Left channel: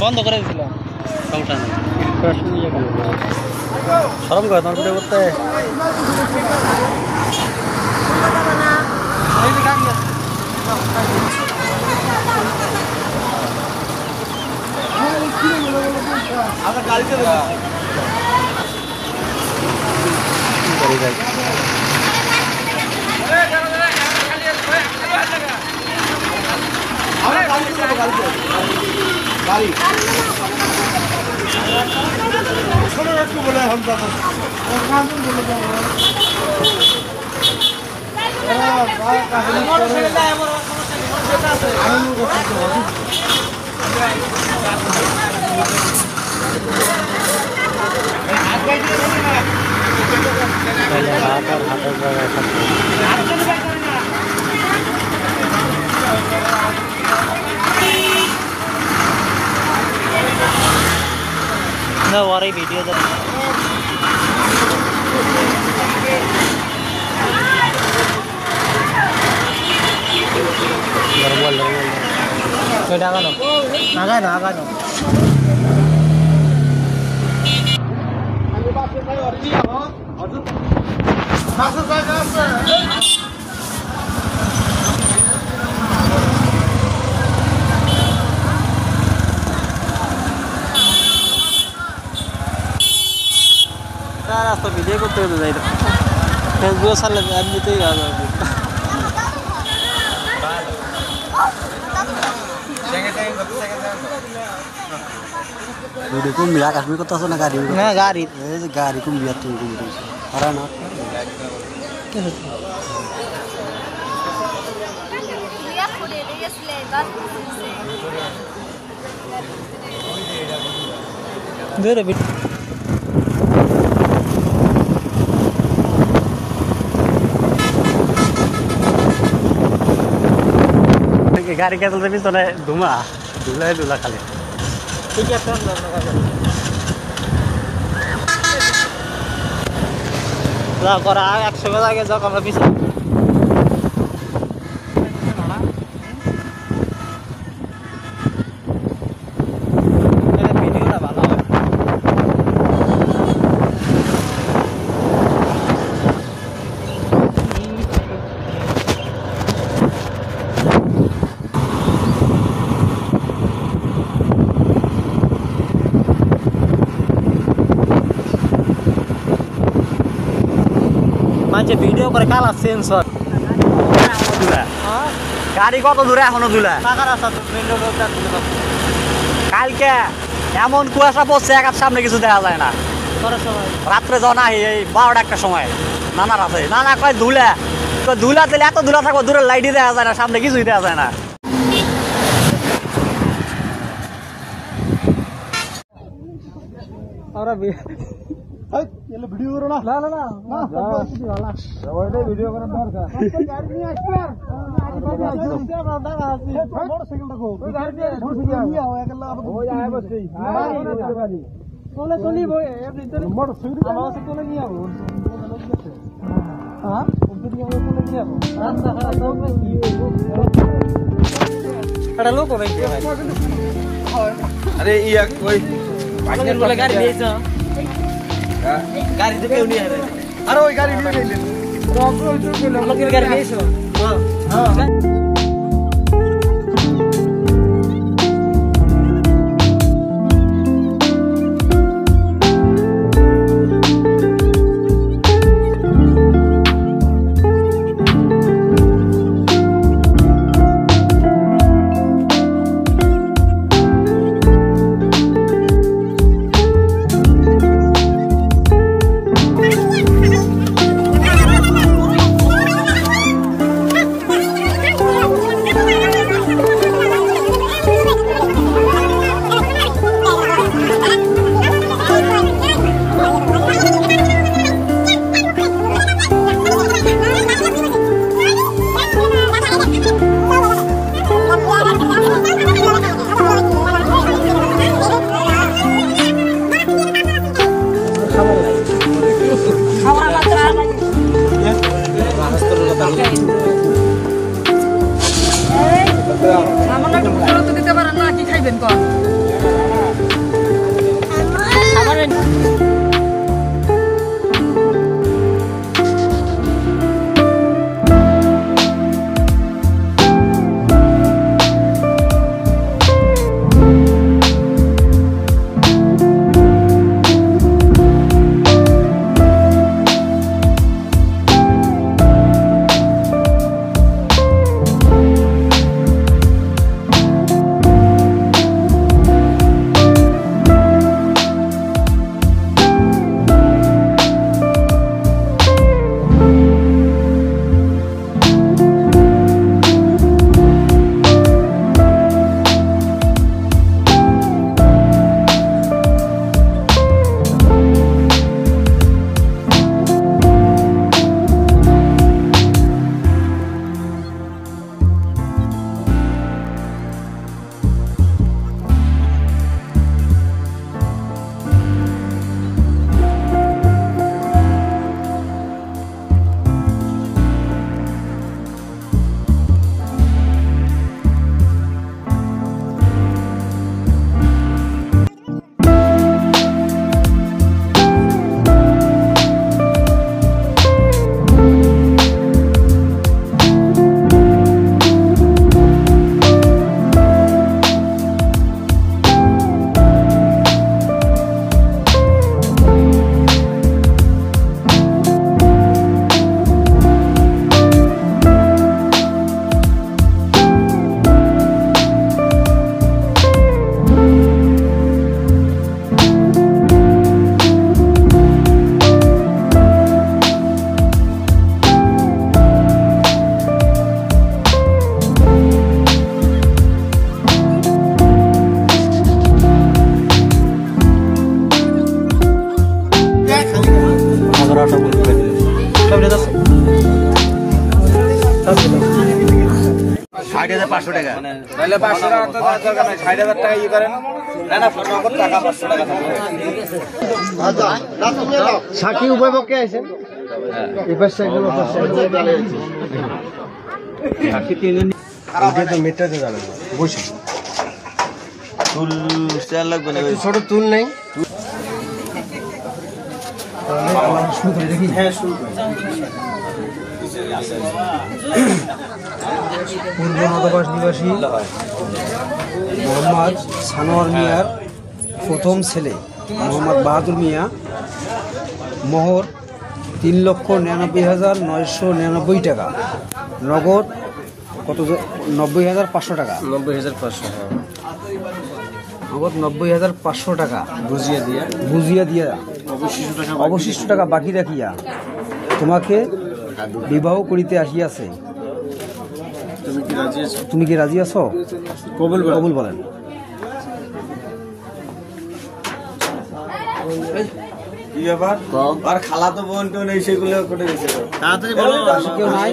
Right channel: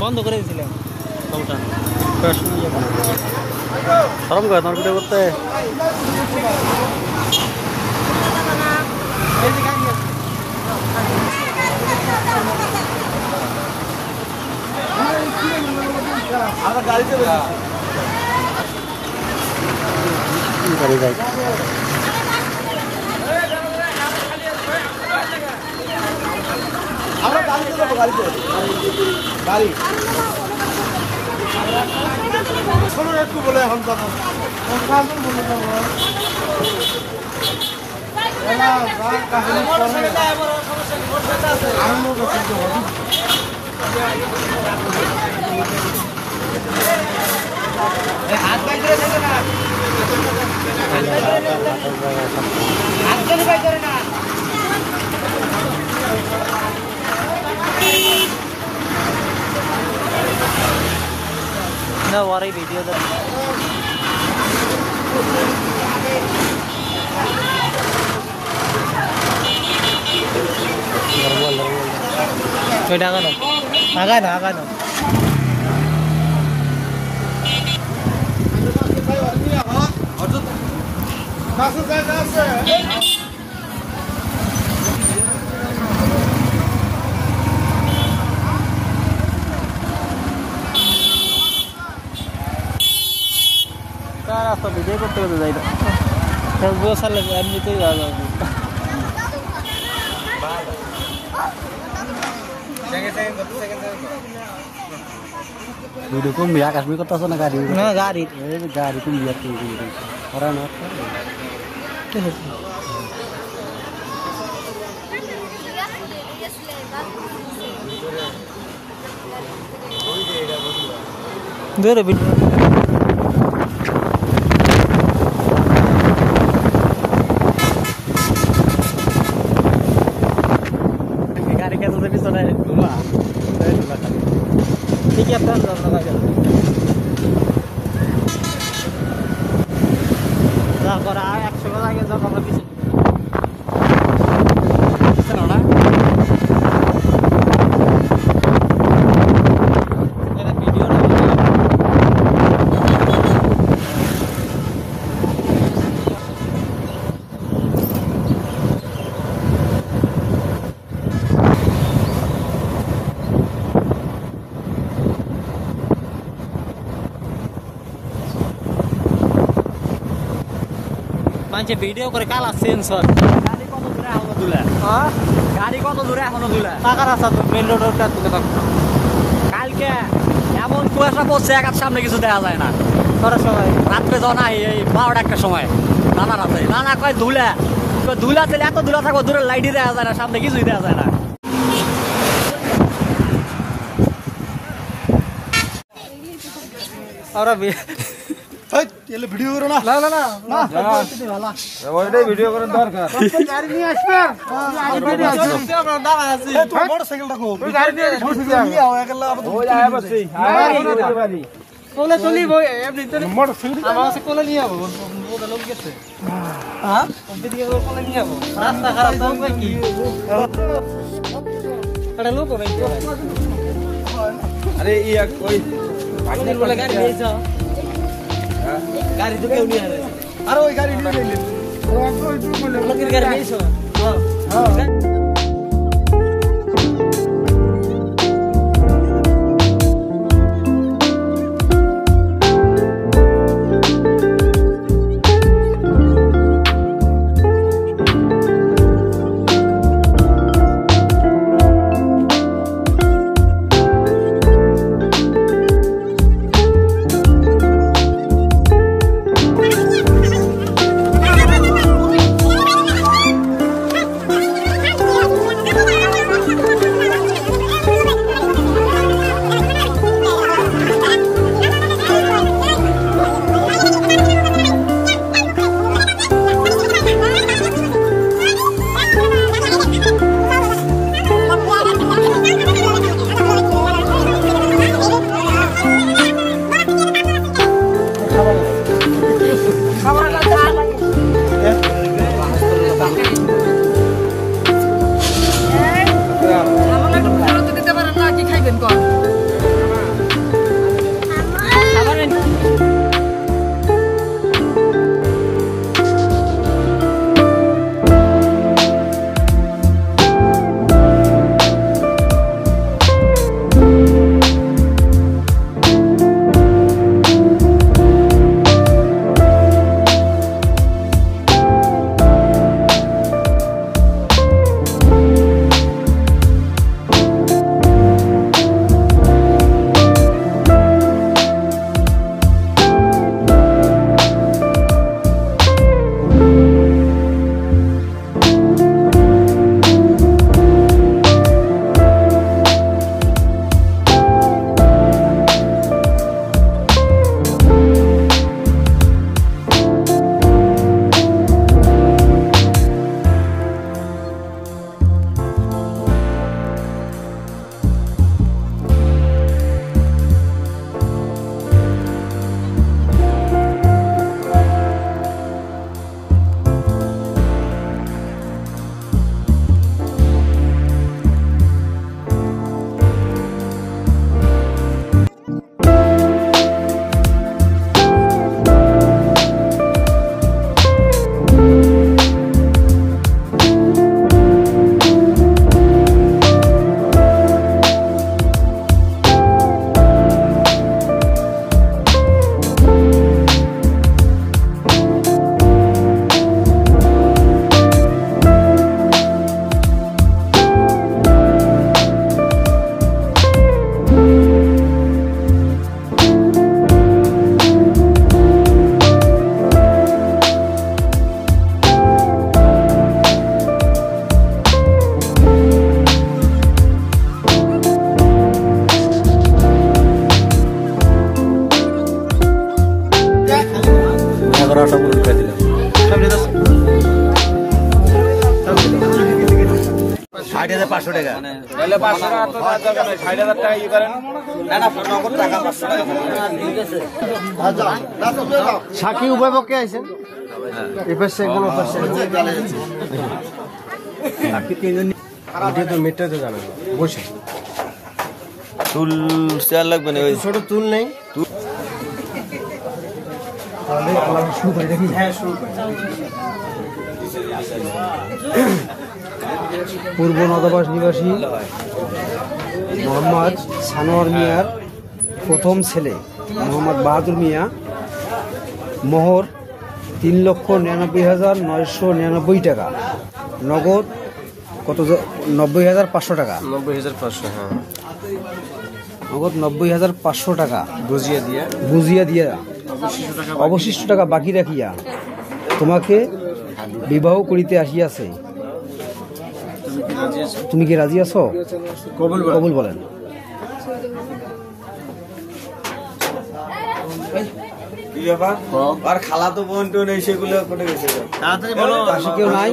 বন্ধ করে দিলাম আরাম করে ভিডিও করতে আমার গাড়িতে गाड़ी ना वारी वीडियो तो आगा ना रास्ता विजय करते हुए जाए बहुत सारे आदमी तो याद है वीडियो को मिला कश्मीर को तो सुना गाड़ी ना गाड़ी को मिला तीन वीडियो और ना दे रहा गाड़ी के तो नहीं सुना है घुमा दूल्हा खाली जा कर 100 आगे जाओ हमरा पीछे मान्छे भिडियो करे काला सेन्सर गाड़ी कत दूर एखोनो दूला টাকা রাস্তা মেইন রোডটা কালকে এমন কুয়াশা পড়ছে একার সামনে কিছু দেখা যায় না রাত্রে জানা এই 12টার সময় নানা রাতে নানা কয় ধুলা ধুলা দিলে এত ধুলা থাকো দূরে লাইটই দেখা যায় না সামনে কিছুই দেখা যায় না আর এলে ভিডিও করো না না না না না ওইটাই ভিডিও করার দরকার গাড়ি নিয়ে আসবে ভিডিও আছে আপনার দাম আছে তুই মোটরসাইকেলটা কো তুই গাড়ি নিয়ে আসবে একলা ও যায় বসি বাড়ি কোলে চলি ভাই এমনি তো মোটরসাইকেল আমার কাছে কোলে নিয়ে যাবো ওটা লোক গেছে হ্যাঁ ওদিকে কোলে নিয়ে যাবো রাস্তা খারাপ তো ভাই কি আরে লোক ভাই আরে ইয়া কই পাটনার বলে গাড়ি দিয়েছো गाड़ी থেকে উনি আরে আর ওই গাড়ি নিয়ে গেলেন আমাদের গাড়ি নিয়েছো হ্যাঁ হ্যাঁ 500 টাকা মানে তাহলে 500 টাকা তো দরকার নাই 60000 টাকা ই করেন না না নগদ টাকা 500 টাকা সাকি উপভোগে আছেন এই পাশে কোন পাশে সাকি তিনজন ওকে তো মিটাতে যাবে বসে তুল সেল লাগবে না ছোট তুল নেই শুরু করে দেখি হ্যাঁ শুরু করে পূর্ব নদবাস নিবাসী মোহাম্মদ সানোয়ার মিয়ার প্রথম ছেলে মোহাম্মদ বাহাদুর মিয়া মোহর 3,99,999 টাকা নগদ কত 90,500 টাকা 90,500 হ্যাঁ নগদ 90,500 টাকা বুঝিয়ে দিয়া অবশিষ্ট টাকা বাকি রাখিয়া তোমাকে বিবাহ করিতে আসিয়াছে তুমি কি রাজি আছো কবুল বলেন আর খালা তো বোন টোন এই সেগুলো করে গেছে তাড়াতাড়ি বলো কেউ নাই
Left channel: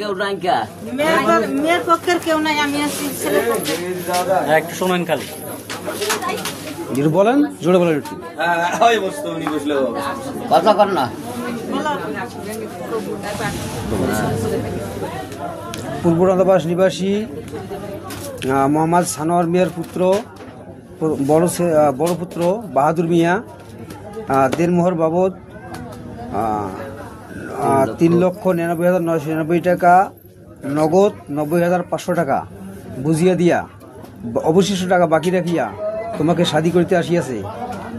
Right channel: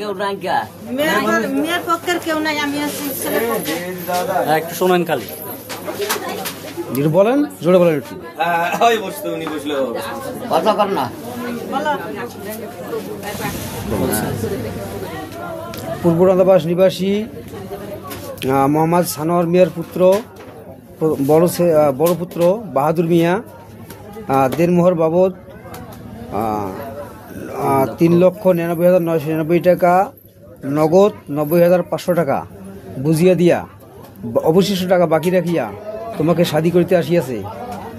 কেউ নাই কা মেয়ের পক্ষের কেউ নাই আমি ছেলের পক্ষে একটু শোনেন খালি যদি বলেন জোরে বলেন একটু ওই বসতো উনি বসলো কথা কর না পূর্ব নদবাস নিবাসী মোহাম্মদ সানোয়ার মিয়ার পুত্র বড় পুত্র বাহাদুর মিয়া দেড়মোহর বাবদ 3,99,999 টাকা নগদ 90,500 টাকা বুঝিয়া দিয়া অবশিষ্ট টাকা বাকি রাখিয়া তোমাকে শাদী করিতে আসিয়াছে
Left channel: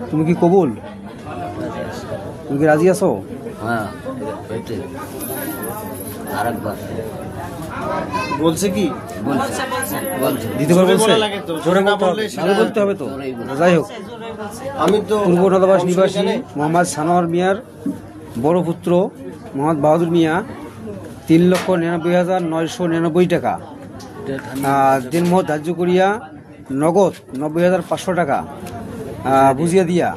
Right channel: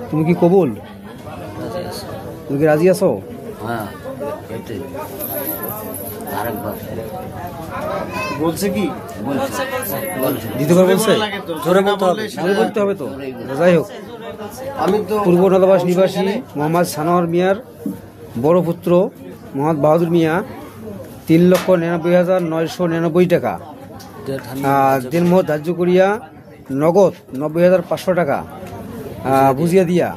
তুমি কি কবুল তুমি কি রাজি আছো হ্যাঁ আরেকবার বলছে কি দিদি বলছে বলতে হবে তো যাই হোক আমি তো পূর্ব নদবাস নিবাসী মোহাম্মদ সানোয়ার মিয়ার বড় পুত্র মোহাম্মদ বাহাদুর মিয়া 3,99,999 টাকা দিনমোহর ধার্য করিয়া নগদ 90,500 টাকা বুঝিয়া দিয়া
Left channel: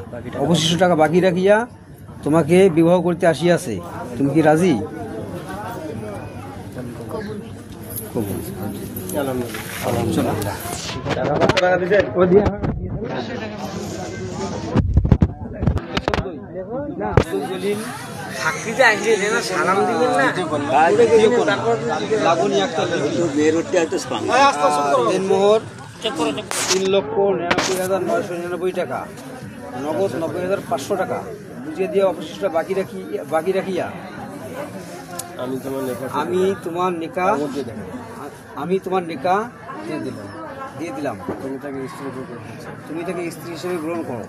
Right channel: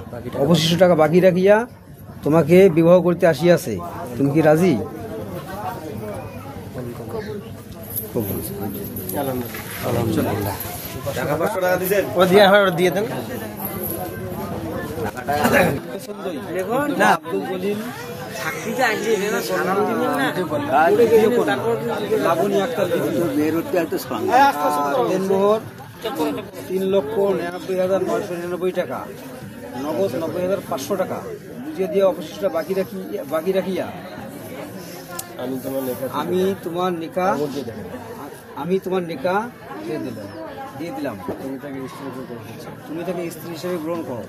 অবশিষ্ট টাকা বাকি রাখিয়া তোমাকে বিবাহ করতে আসিয়াছে তুমি কি রাজি দিয়ে দেন দিনমোহর 3,99,999 টাকা নগদ 90,500 টাকা বুঝিয়ে দিয়ে অবশিষ্ট বাকি রাখিয়া আমি তোমার নিকা দিয়ে দিলাম তুমি তাকে স্ত্রী হিসেবে গ্রহণ করো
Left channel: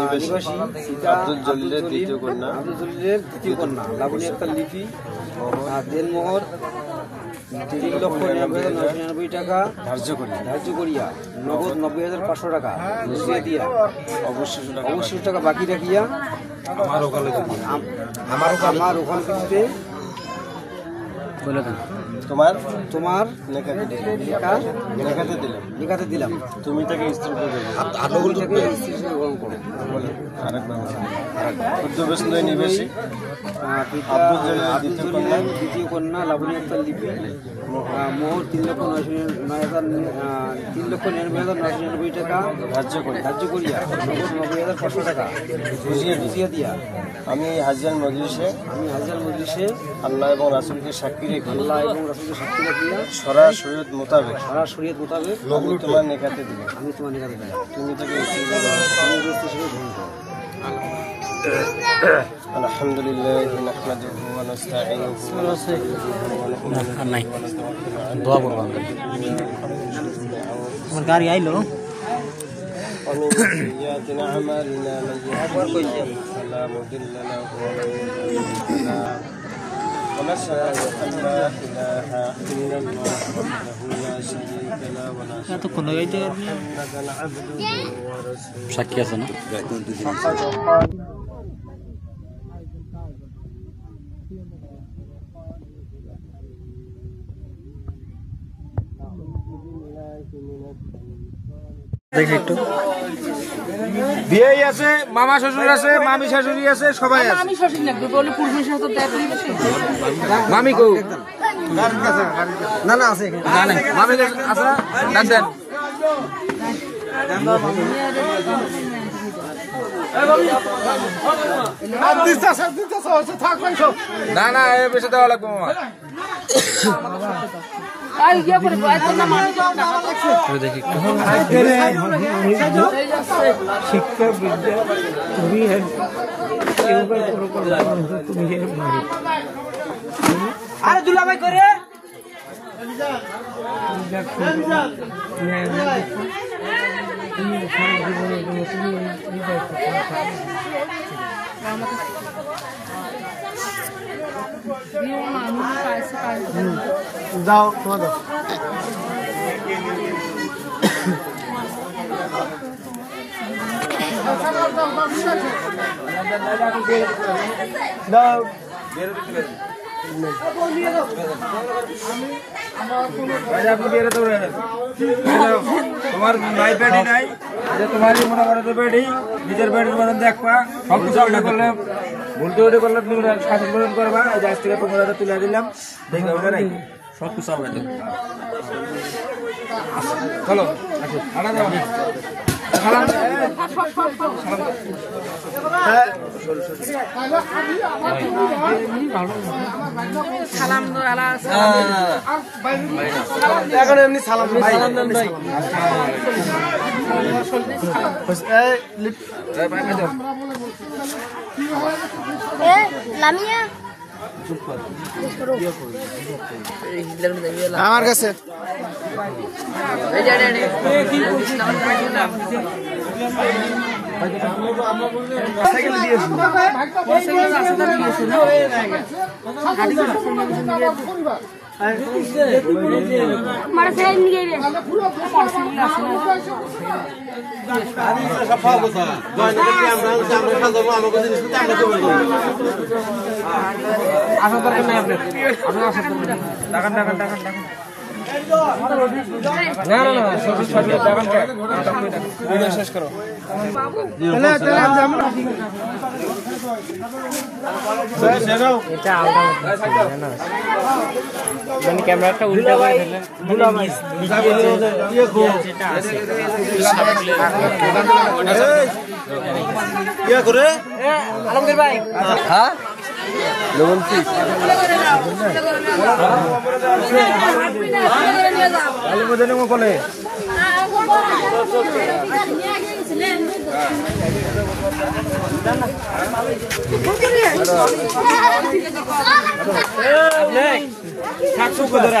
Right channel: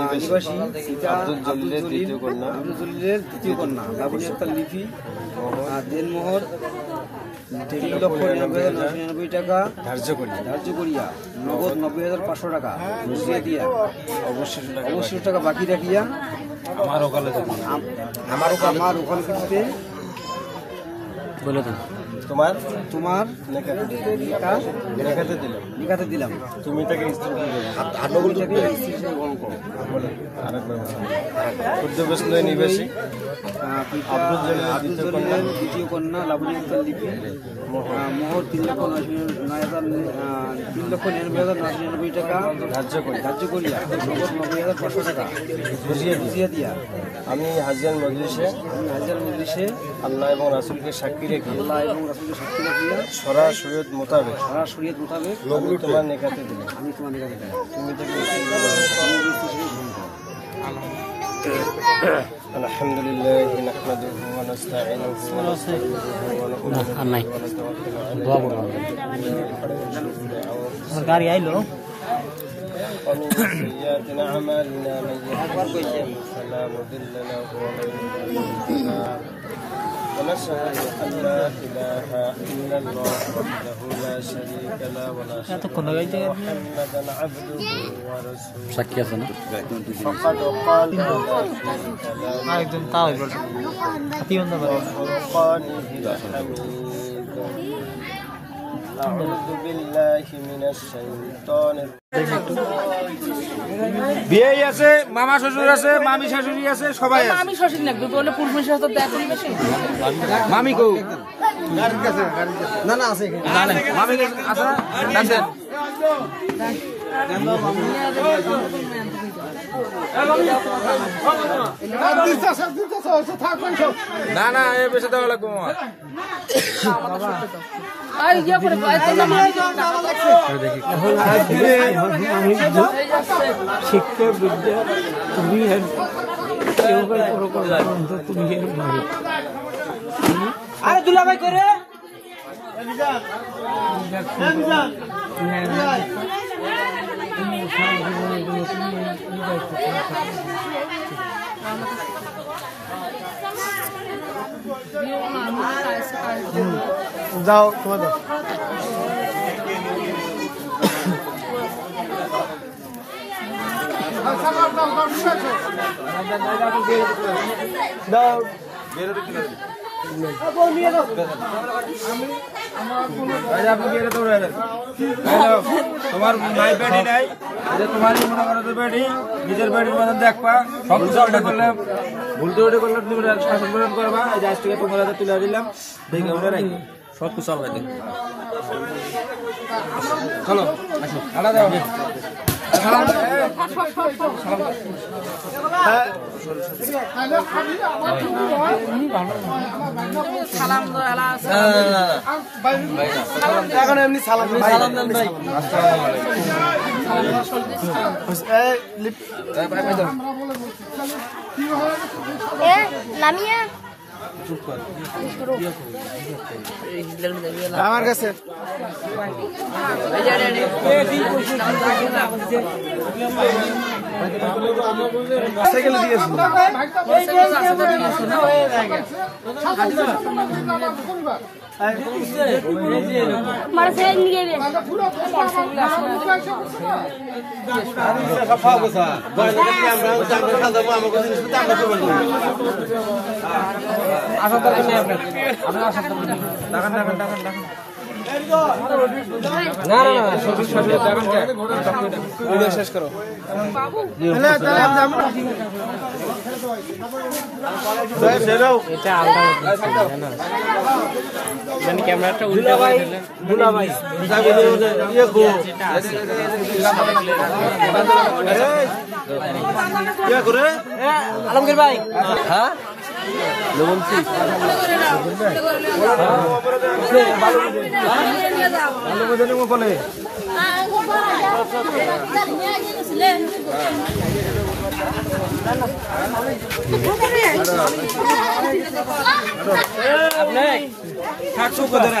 নিবাসী আব্দুল জলিলের দ্বিতীয় কন্যা লাবণী আক্তার লিপি দেনমোহর 3,99,999 টাকা ধার্য করিয়া নগদ 90,500 টাকা বুঝিয়ে দিয়া অবশিষ্ট টাকা বাকি রাখিয়া আমার ওকালতিতে তোমার লেখাতে দিলাম তুমি তাকে স্ত্রী গ্রহণ করো নিবাসী দ্বিতীয় কন্যা লাবণী আক্তার লিপি মোহর 3,99,999 টাকা ধার্য করিয়া নগদ 90,500 টাকা বুঝিয়ে দিয়া আমি হাজিয়ার মজলিসে আল্লাহ এবং রাসূলকে সাক্ষী রেখে সরা শরীয়ত মোতাবেক আমি তোমার নিকাতে দিলাম তুমি তাকে স্ত্রী গ্রহণ করো আলহামদুলিল্লাহ নাহমাদুহু ওয়া নাস্তাঈনুহু ওয়া নাস্তাগফিরুহু গাড়ি আইলো ومن سيئات أعمالنا من يهده الله فلا مضل له ونشهد أن لا إله إلا الله وحده لا شريك له ونشهد أن محمدا عبده ورسوله فقد قال একদম তাই বল হাতি বন্ধ করে দেখি একটু বিয়ে আছে, মামা শ্বশুর আছে, মামি শাশুড়ি আছে, সবাই আছে। আমি শ্বশুর লাগবে বলে পূর্বে সাথে মামি কো না না আছে না না মামি আছে না দেন না না এ বেশি দেওয়া লাগবে মামা। আর ইয়া করে না মাটি তো টাকা লাগছে শিক্ষা বিদ্যা তুমি আরে দুলাভাই করে যাও তোমার নাই বেডি নাই, তোমার মনে করো তো বেডি নিজের বেডির মতন দেখবা, সব কিছু করলাম, ভুল ত্রুটি করলাম, তুমি শাসন পালন করবা। এই আজ থেকে 15,000 তুলে দিলাম, দেখে ওরা রাখি সব কিছু হবে। চলো আড়া যাও সালাম সালাম দো আলা এখন এমনি সালাম সালাম দেন ভাই নামিয়া আমার কাছে সাইকেল দিয়েছি ক্যামেরাটা উল্টে করে আলমগীর ভাই হ্যাঁ বলে আপনি 60 করে 8